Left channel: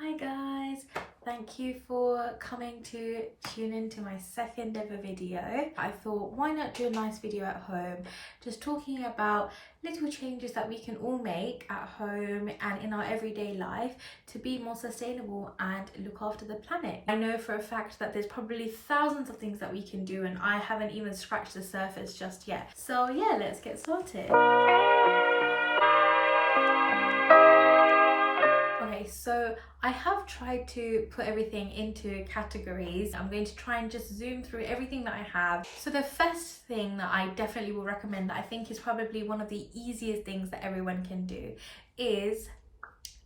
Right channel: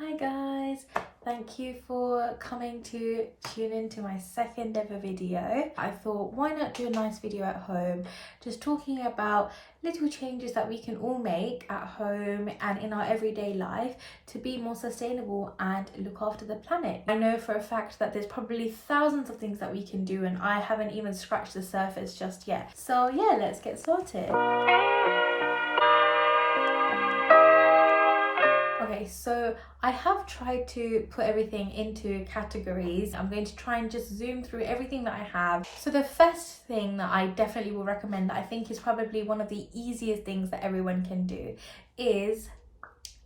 Hi guys, thank you for coming to tune into my second ever video. I thought, why not do a nice video at home, just talking about little changes that we can all make at home and in our everyday life to be more sustainable and look after the planet. I know for a fact that there's probably thousands of things that we can do and I haven't even scratched the surface just yet. So yeah, let's get started. Okay, so I have tried to put everything into categories. I'm going to try and just zoom through everything that I have. So the first thing that I definitely will recommend, that I think is probably one of the easiest things that everyone can do, is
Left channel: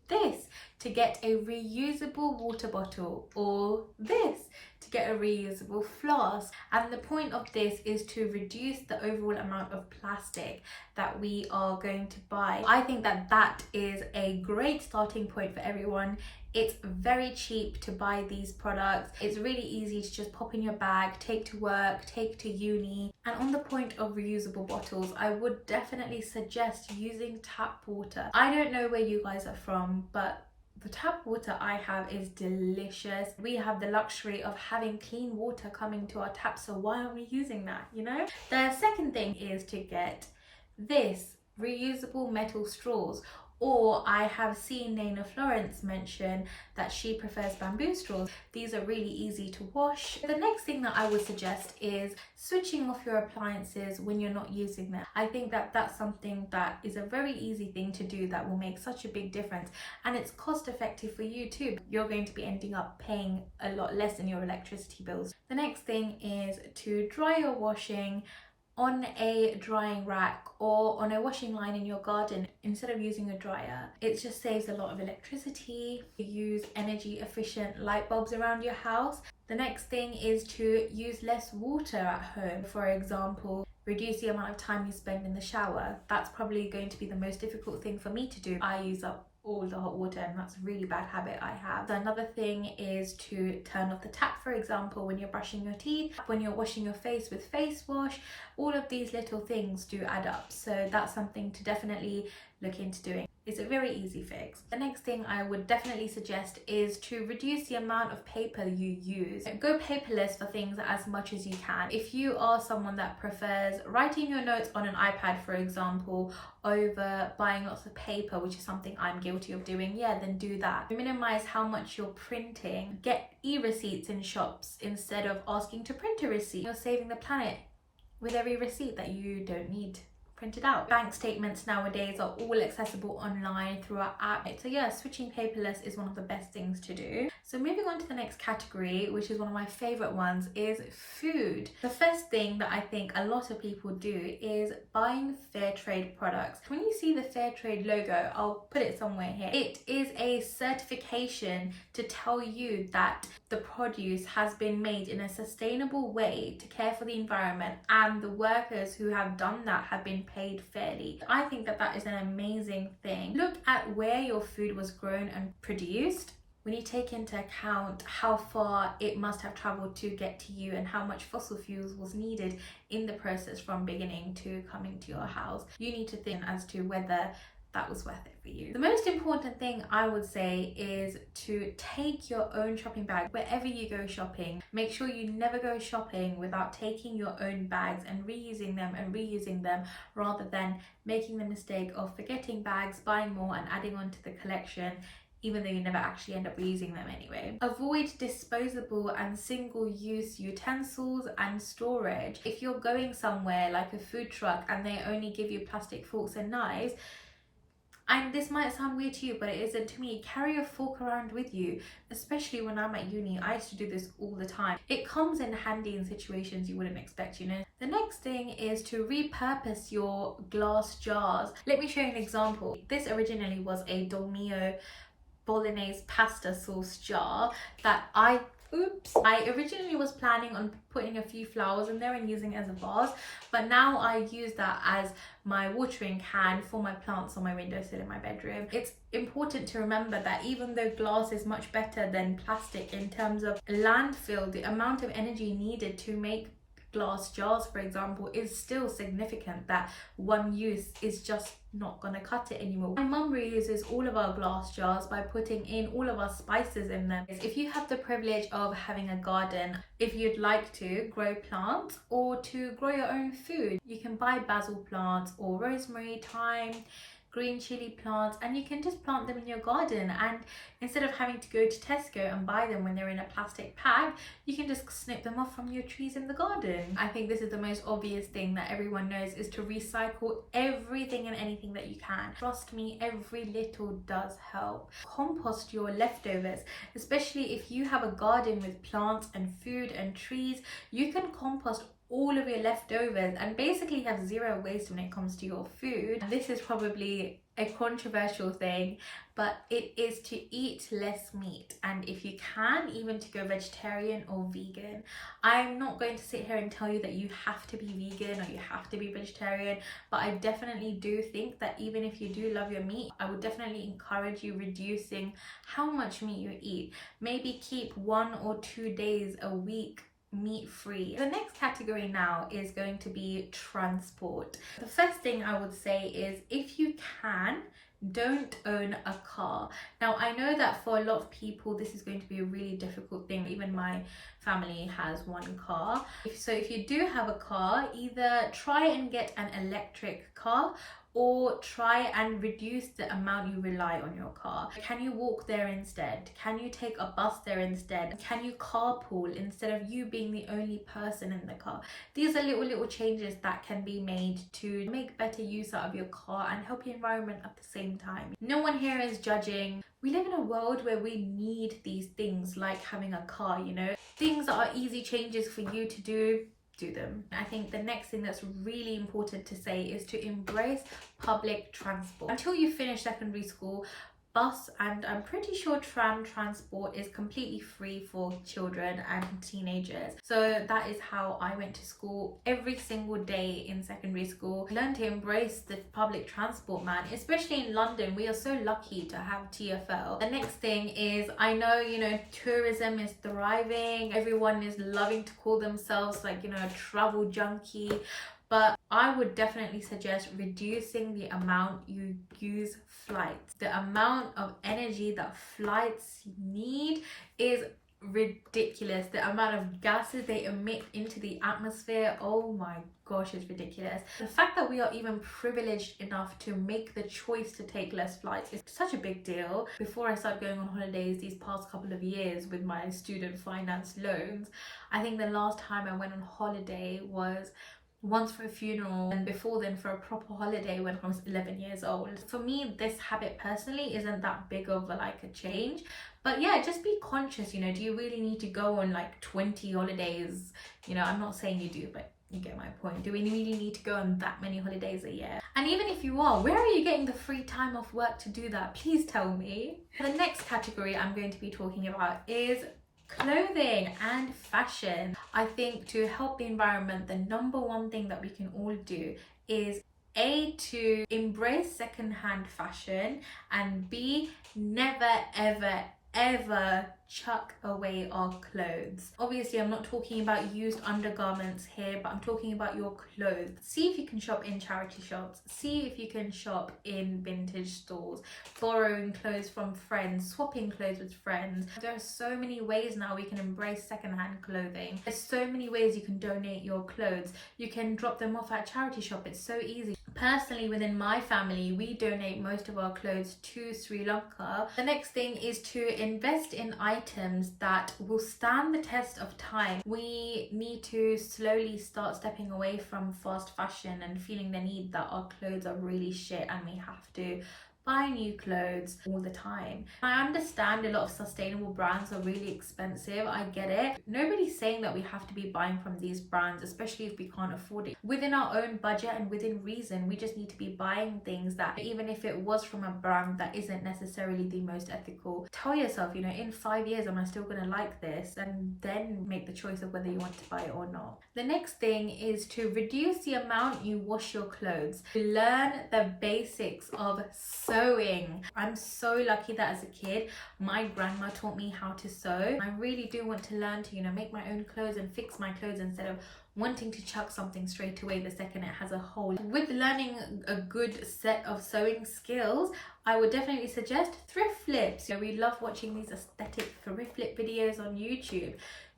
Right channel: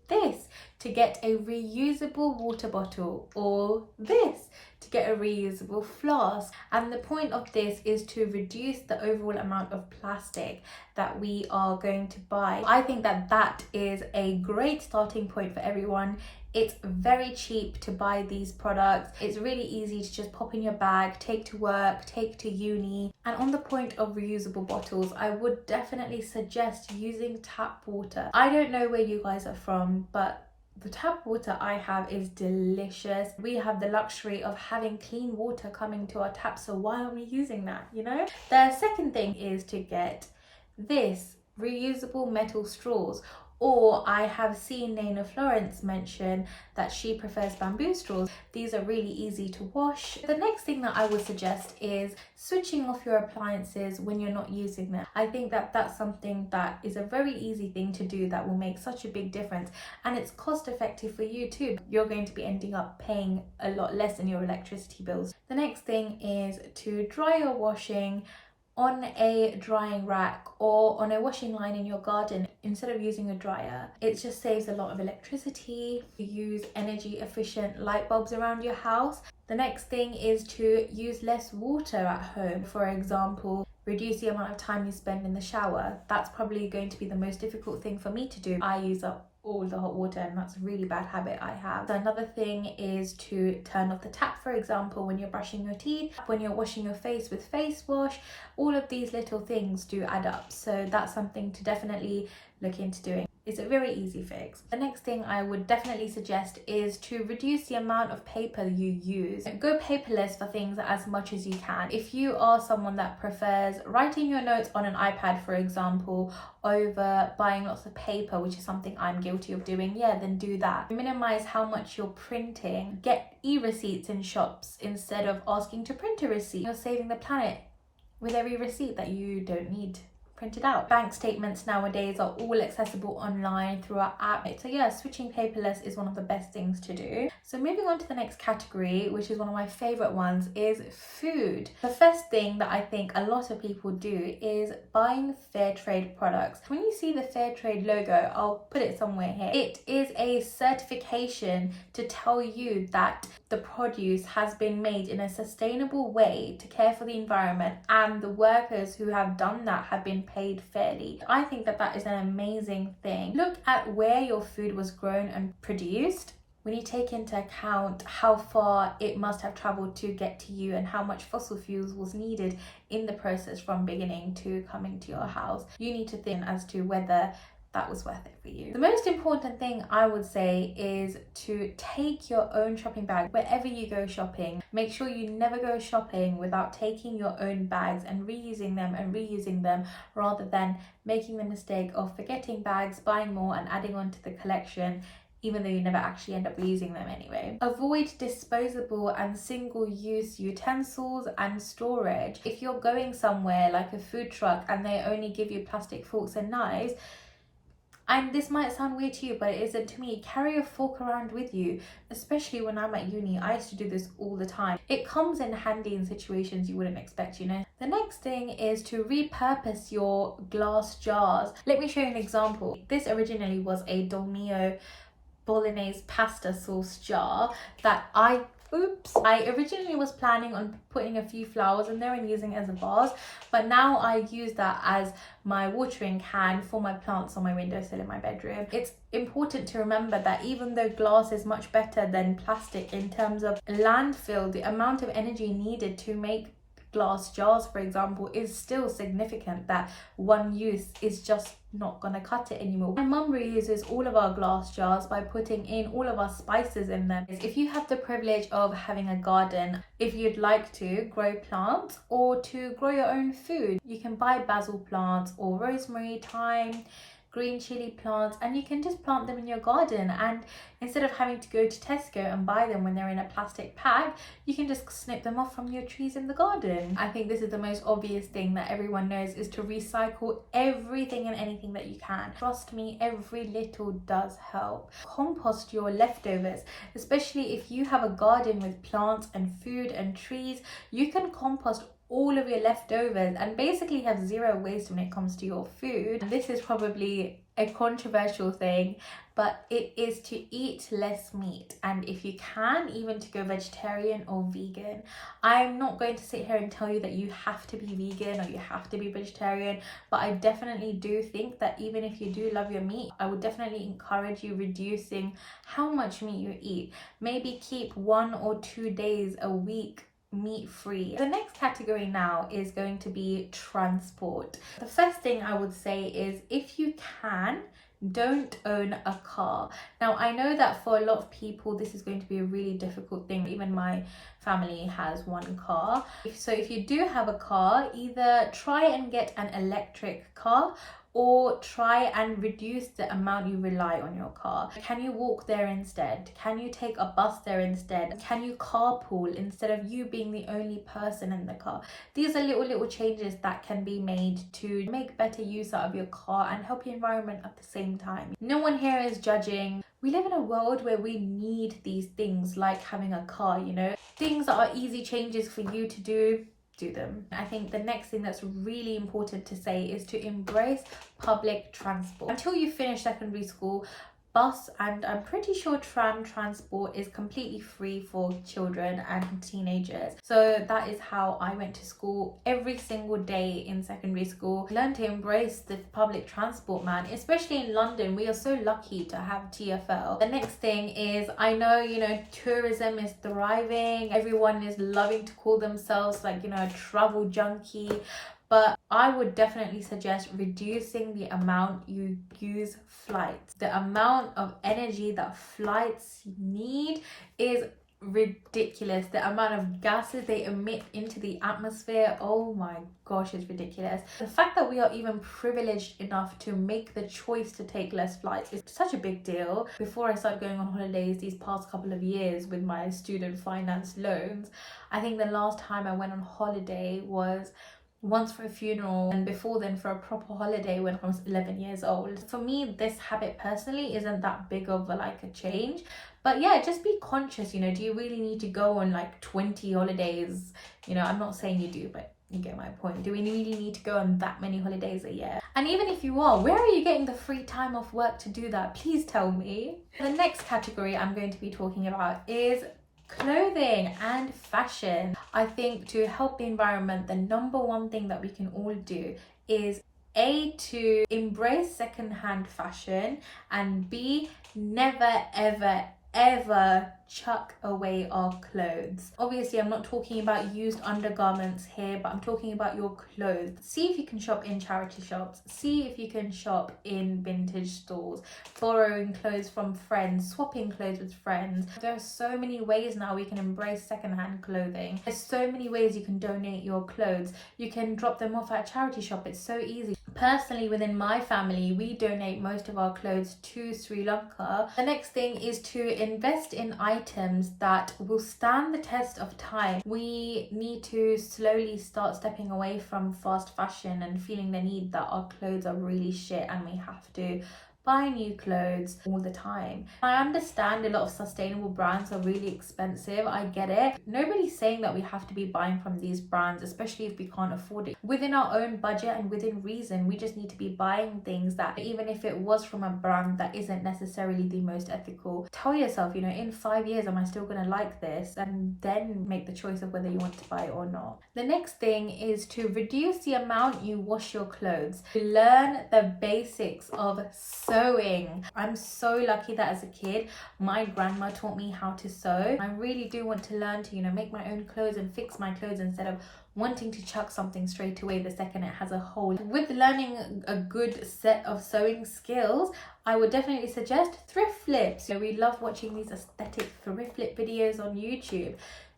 this: to get a reusable water bottle, or this, to get a reusable flask. And the point of this is to reduce the overall amount of plastic that we are going to buy. I think that that is a great starting point for everyone. It's very cheap to buy these products. It's really easy to just pop in your bag, take to work, take to uni. And on the point of reusable bottles, I would definitely suggest using tap water. I don't know where you guys are from, but the tap water I have is delicious. We have the luxury of having clean water coming to our tap, so why aren't we using that, you know? The second thing is to get this reusable metal straws. Or I have seen Nana Florence mention that she prefers bamboo straws. These are really easy to wash. The next thing that I would suggest is switching off your appliances when you're not using them. I think that that's something that is a very easy thing to do that will make such a big difference, and it's cost effective for you too. You're going to be ending up paying a lot less in your electricity bills. The next thing is to dry your washing on a drying rack or on a washing line in your garden instead of using a dryer. It just saves a lot of electricity. You use energy efficient light bulbs around your house. The next thing is to use less water at home. For example, reduce the amount of time you spend in the shower. That's probably going to be the most difficult thing for me to do. I use up all the hot water, and that's a really bad habit I have. So another thing is to turn off the tap, for example, when you're brushing your teeth, when you're washing your face with face wash. All of these little things do add up, so that's something to definitely look into doing. It's a very easy fix. The next thing I would definitely suggest is to reduce the amount of paper you use. Go paperless for things as much as you can. If you are someone that prefers writing your notes on an iPad, for example, over buying lots of paper, which is something I'm guilty of doing, yeah, then do that. Minimize how much you're printing. Get e-receipts in shops instead of asking to print a receipt. You're saving the planet with every receipt that you don't need printed out. Bank statements nowadays are all accessible online through our app. So yeah, switching paperless is one of the best things to do. So moving on to the next category, which is one of my favorite ones, is food. The first thing that I think a lot of people do is buying fair trade products. When you see the fair trade logo, I'll put it somewhere here. It is a certification to tell you that the produce has been made in a sustainable way to care for the environment, and the workers who have done that have been paid fairly. I think that that is an amazing thing. Look at where your food was grown and produced. When you take into account how far it must have traveled to get to you and how much fossil fuels was needed in the process from beginning to coming to your house, you need to think as to whether that was worth it for you. The most important thing I would say is to take your own shopping bag wherever you go shopping. Make sure you never go shopping without taking your own bags and reusing them, rather than making the mistake of forgetting bags, buying more and adding on to the collection, even though you never actually end up using them anyway. Avoid disposable and single-use utensils and storage. If you're going somewhere like a food truck and they only give you plastic forks and knives, and this might sound weird to you, but it isn't to me, carry a fork around with you. Especially when I'm at uni, I used to do this all the time. It comes in handy in situations you wouldn't expect, you know. The next thing is to repurpose your glass jars. Let me show you an example. This originally was a Dolmio bolognese pasta sauce jar that I originally was planning on putting a few flowers in there and using it as a vase, but now I use that as my watering can for my plants on my windowsill in my bedroom. It's important to remember that even though glass is much better than plastic in terms of landfill, the amount of energy needed to make glass jars, for example, is still significant, that one use is just not gonna cut it anymore. My mum reuses all of our glass jars by putting in all of our spices in them. If you have the privilege of having a garden, if you'd like to grow plants or to grow your own food, you can buy basil plants or rosemary, thyme, green chili plants, and you can just plant them in your garden. And instead of having to go to Tesco and buy them when they're in a plastic pack, you can just snip them off from your trees in the garden. I think this is the most obvious thing that everyone knows, is to recycle everything and anything that you can. Trust me, every little does help. Compost your leftovers, especially if you have a garden with plants and food and trees. You can compost all of your leftovers and basically have zero waste when it comes to your food. This is probably a controversial thing, but it is to eat less meat, and if you can, even to go vegetarian or vegan. I'm not going to sit here and tell you that you have to be vegan or you have to be vegetarian, but I definitely do think that even if you do love your meat, I would definitely encourage you reducing how much meat you eat. Maybe keep 1 or 2 days a week meat free. The next category now is going to be transport. The first thing I would say is, if you can, don't own a car. Now, I know that for a lot of people this is going to be a really difficult thing. Even my family has one car. So if you do have a car, either try and get an electric car or try and reduce the amount you rely on your car. Can you walk there instead? Can you take a bus there instead? Can you carpool instead of you being the only person in the car? These are little changes that can be made to make better use out of your car and help your environment at the same time. No one here is judging. We live in a world where we need these things, like having a car, you know? Things that are easy changes for you to do them. I think the next thing that's really important to say is to embrace public transport. Until you finish secondary school, bus and I'm pretty sure tram transport is completely free for children and teenagers. So that is how I went to school every single day in secondary school. Learn to embrace the public transport, man. Especially in London, we are so lucky to have TfL. The next thing is, I know, you know, tourism is thriving. Everyone is loving to call themselves like, you know, a travel junkie. But I would definitely suggest reducing the amount you use flights. The amount of energy that flights need is ridiculous. The amount of gases they emit into the atmosphere, oh my gosh, it's ridiculous. The fact that we are even privileged enough to make the choice to take less flights is such a big deal. Before I started going on holidays these past couple of years with my student finance loans, I think the last time I went on holiday was once for a funeral, and before then for a proper holiday when I was 11 years old. For me, this habit personally isn't that big of a change, but yeah, just be conscious, you know, do you really need to go on like 20 holidays? You know, I'm not saying you do, but you get my point. Do we really need to go on that many holidays a year? And even if you are, where are you getting the free time off work to do that? Please tell me. The next category I'm going to be talking about is clothing and fashion. I think to help the environment, the number one thing that we can all do is A, to embrace secondhand fashion, and B, never ever chuck away our clothes. Obviously, I'm not talking about used undergarments here, but I'm talking about your clothes. See if you can shop in charity shops. See if you can shop in vintage stores, borrowing clothes from friends, swapping clothes with friends. There are so many ways now we can embrace secondhand clothing. There's so many ways you can donate your clothes. You can drop them off at a charity shop. It's so easy. Personally, within my family, we donate most of our clothes to Sri Lanka. The next thing is to invest in items that will stand the test of time. We need to slowly start stepping away from fast fashion and feeling the need that our clothes are really shit and we have to buy new clothes all the time. I understand a lot of sustainable brands are really expensive. I get it. Nobody's saying that we have to be buying from these brands, especially if we can't afford it. Within our own budget and within reason, we just need to be buying things that, even if it was from a brand that isn't necessarily the most ethical, tell yourself, you know, in 5 years, am I still gonna like this? And then make the choice of whether you want to buy it or not. The next thing is to reduce the amount you wash your clothes. Learn the basics of sewing. I'm so lucky that as a kid, my grandma taught me how to sew. I really do want to learn to, you know, make my own clothes and fix my clothes instead of wanting to chuck something straight away the second it has a hole. With learning a good set of sewing skills, I would definitely suggest thrift flips. We love watching these aesthetic thrift flip videos on YouTube.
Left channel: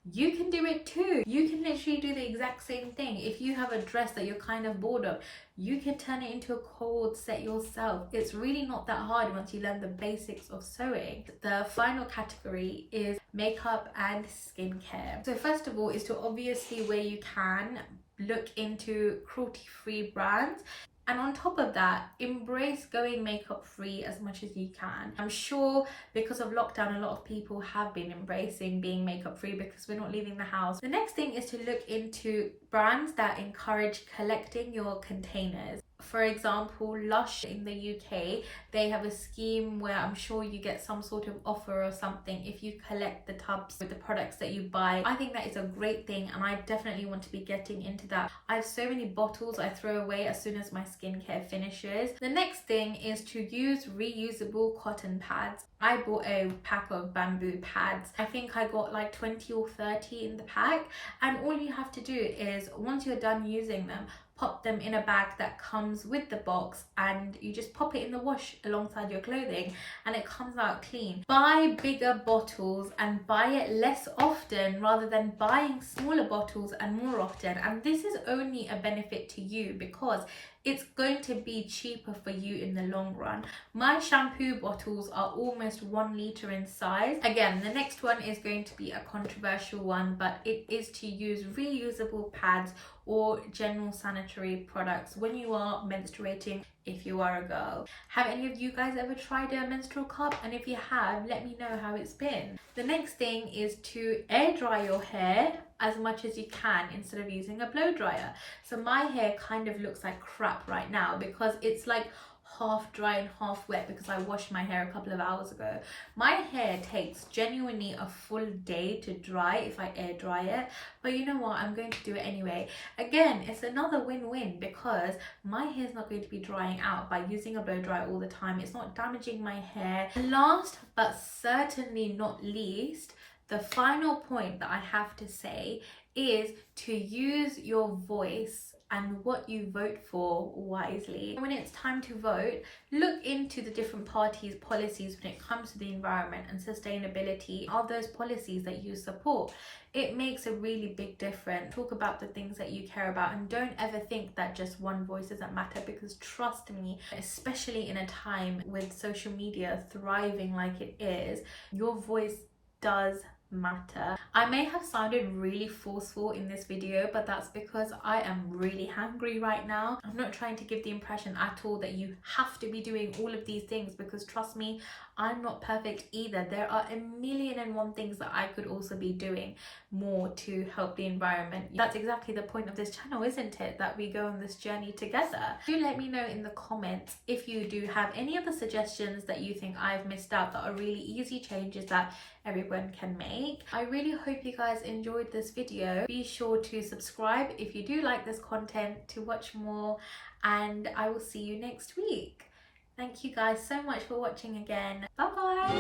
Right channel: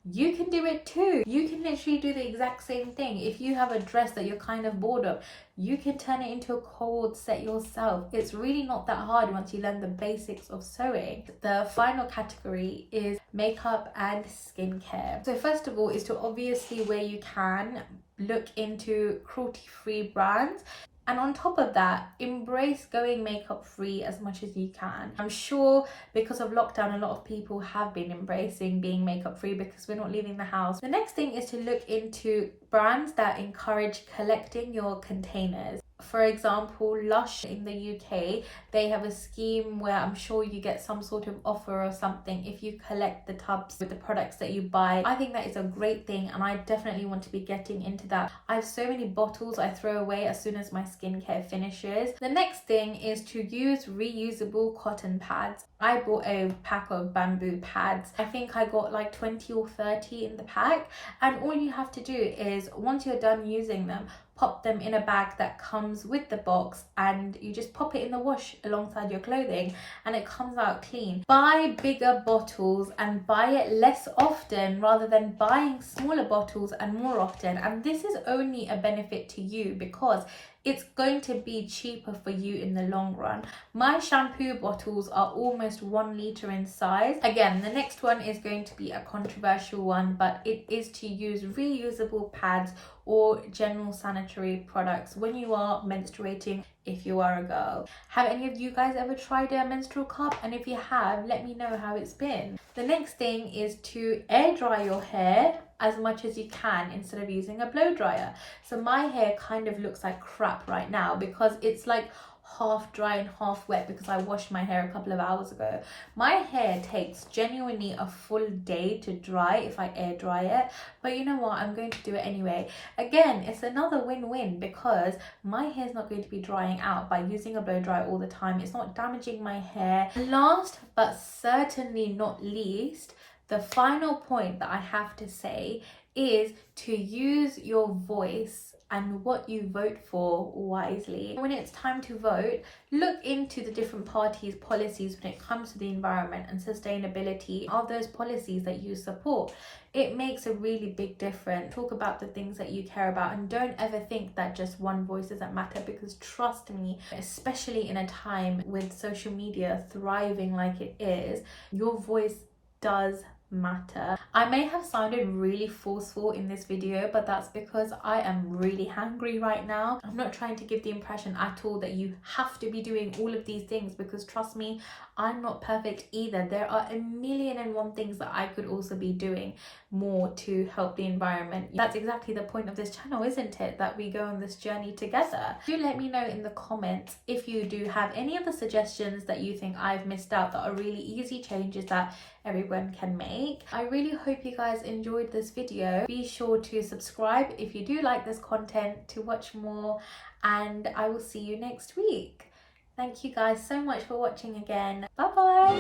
You can do it too. You can literally do the exact same thing. If you have a dress that you're kind of bored of, you can turn it into a cord set yourself. It's really not that hard once you learn the basics of sewing. The final category is makeup and skincare. So first of all is to obviously, where you can, look into cruelty-free brands. And on top of that, embrace going makeup free as much as you can. I'm sure because of lockdown, a lot of people have been embracing being makeup free because we're not leaving the house. The next thing is to look into brands that encourage collecting your containers. For example, Lush in the UK, they have a scheme where I'm sure you get some sort of offer or something if you collect the tubs with the products that you buy. I think that is a great thing, and I definitely want to be getting into that. I have so many bottles I throw away as soon as my skincare finishes. The next thing is to use reusable cotton pads. I bought a pack of bamboo pads. I think I got like 20 or 30 in the pack, and all you have to do is, once you're done using them, pop them in a bag that comes with the box, and you just pop it in the wash alongside your clothing and it comes out clean. Buy bigger bottles and buy it less often rather than buying smaller bottles and more often. And this is only a benefit to you because it's going to be cheaper for you in the long run. My shampoo bottles are almost 1 litre in size. Again, the next one is going to be a controversial one, but it is to use reusable pads or general sanitary products when you are menstruating, if you are a girl. Have any of you guys ever tried a menstrual cup? And if you have, let me know how it's been. The next thing is to air dry your hair as much as you can instead of using a blow dryer. So my hair kind of looks like crap right now because it's like half dry and half wet because I washed my hair a couple of hours ago. My hair takes genuinely a full day to dry if I air dry it, but you know what, I'm going to do it anyway. Again, it's another win-win because my hair is not going to be drying out by using a blow dryer all the time. It's not damaging my hair. Last but certainly not least, the final point that I have to say is to use your voice and what you vote for wisely. When it's time to vote, look into the different parties' policies when it comes to the environment and sustainability. Are those policies that you support? It makes a really big difference. Talk about the things that you care about, and don't ever think that just one voice doesn't matter, because trust me, especially in a time with social media thriving like it is, your voice does matter. I may have sounded really forceful in this video, but that's because I am really hangry right now. I'm not trying to give the impression at all that you have to be doing all of these things, because trust me, I'm not perfect either. There are 1,000,001 things that I could also be doing more to help the environment. That's exactly the point of this channel, isn't it? That we go on this journey together. Do let me know in the comments if you do have any other suggestions that you think I've missed out that are really easy changes that everyone can make. I really hope you guys enjoyed this video. Be sure to subscribe if you do like this content to watch more, and I will see you next week. Thank you guys so much for watching again. Bye bye.